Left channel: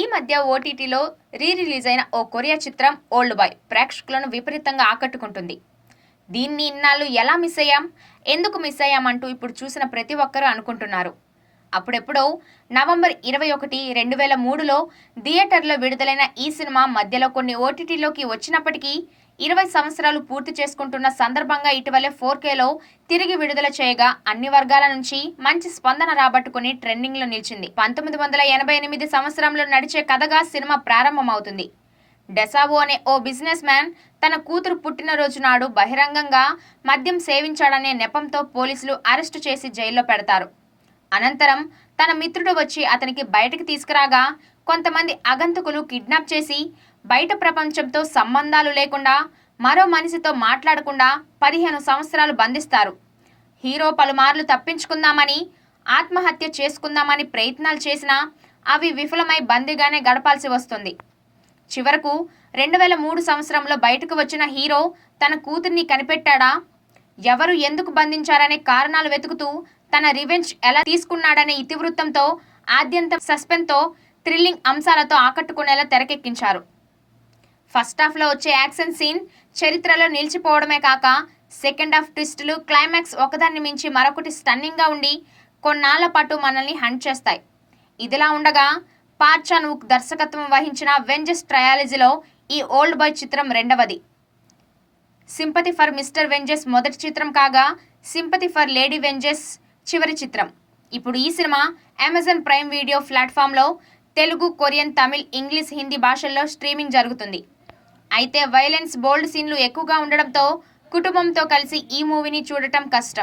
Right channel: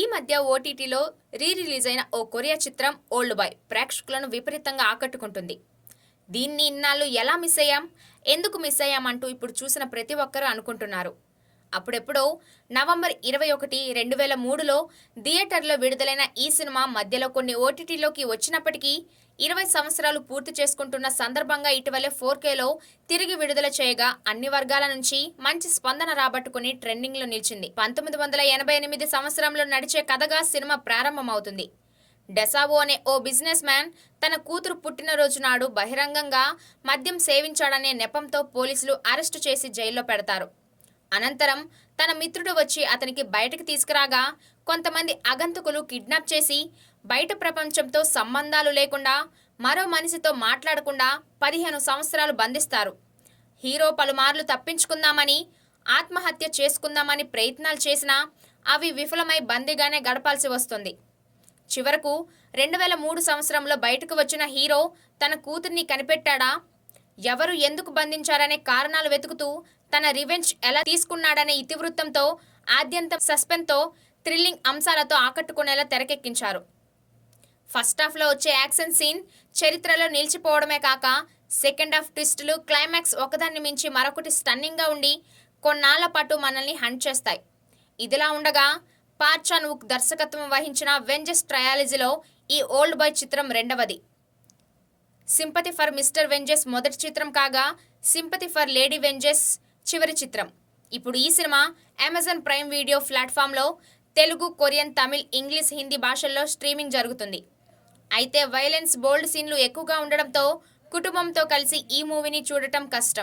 ఈ మధ్య ఓటీటీలో రిలీజ్ అయిన ఓ కొరియా చిత్రం ఓల్డ్ బాయ్ ప్రేక్షకులను విపరీతంగా ఆకట్టుకుంటుంది. దీన్ని ఇన్నాళ్ళు ఎలా మిస్ అయ్యాం, ఎందుకు మిస్ అయ్యామంటూ ఇప్పుడు చూసిన ప్రతి ఒక్కరూ అనుకుంటున్నారు. అప్పుడెప్పుడో నవంబర్ 21, 2003లో థియేటర్లో విడుదలైన ఈ సినిమా మధ్యలో కొన్ని ఓటీటీలోకి వచ్చినప్పటికీ 20 సంవత్సరాలు పూర్తి చేసుకుంటున్న సందర్భంగా ఇటీవలే 4Kలో తిరిగి విడుదల చేయగా అన్ని వర్గాల నుంచి మంచి స్పందన రాబట్టుకుని ట్రెండింగ్లో నిలిచింది. 1988 సంవత్సరంలో నడిచే కథగా సినిమా ప్రారంభమవుతుంది. డెసావో అనే ఓ బిజినెస్ మ్యాన్ తన కూతురు పుట్టినరోజు నాడు బహిరంగంగా మద్యం సేవించాడనే నెపంతో పోలీసులు అరెస్టు చేసి జైల్లో పెడతారు. అనంతరం తన మిత్రుడు వచ్చి అతనికి బయటకు తీసుకురాగా కొంతమంది అగంతకులు కిడ్నాప్ చేసి బయట ప్రపంచంతో సంబంధాలు లేకుండా మరో మనిషితో మాట్లాడకుండా 15 సంవత్సరాలు బంధిస్తారు. హీరో పలుమార్లు తప్పించుకుందామని, ఆత్మహత్య చేసుకుందామని ప్రయత్నాలు చేసినా అవి విఫలమై బందీగానే గడపాల్సి వస్తుంది. చివరకు 2003 సంవత్సరంలో బయటకు వచ్చిన హీరో తన కూతుర్ని కనిపెట్టాడా, ఎవరు ఎందుకు బంధించారనే కారణాలు వెతుకుతూ తన రివెంజ్ ఎలా తీసుకున్నాడనే ఇతివృత్తంతో ఆద్యంతం సస్పెన్స్తో థ్రిల్లింగ్ అంశాలతో ఆకట్టుకునేలా తెరకెక్కించారు. ఫస్ట్ హాఫ్లో వచ్చే యాక్షన్ సీన్ చరిత్రలో నిలిచిపోవడమే కాక సెకండ్ హాఫ్ ట్విస్టులు, క్లైమాక్స్ ఒకదాన్ని మించి మరొకటి స్టన్నింగ్గా ఉండి కొన్నాళ్ల పాటు మనల్ని హంట్ చేస్తాయి. ఇదిలా ఉండగా పార్క్ చాన్ వుక్ దర్శకత్వం వహించిన వెంజెస్ ట్రయాలజీలో ఈ ఓల్డ్ బాయ్ చిత్రం రెండవది. సింపతి ఫర్ మిస్టర్ వెంజెస్ మొదటి చిత్రం కాగా సింపతి ఫర్ లేడీ వెంజెస్ చివరి చిత్రం. ఇప్పుడు ఈ సినిమా అమెజాన్ ప్రైమ్ వీడియో ప్లాట్ఫామ్లో తెలుగు, కొరియన్, తమిళ్, ఇంగ్లీష్, హిందీ భాషల్లో స్ట్రీమింగ్ జరుగుతుంది. అయితే వైలెన్స్, బోల్డ్ సీన్లు ఎక్కువగా ఉండడంతో కుటుంబంతో కలిసి ఈ మూవీని చూడటం కష్టం.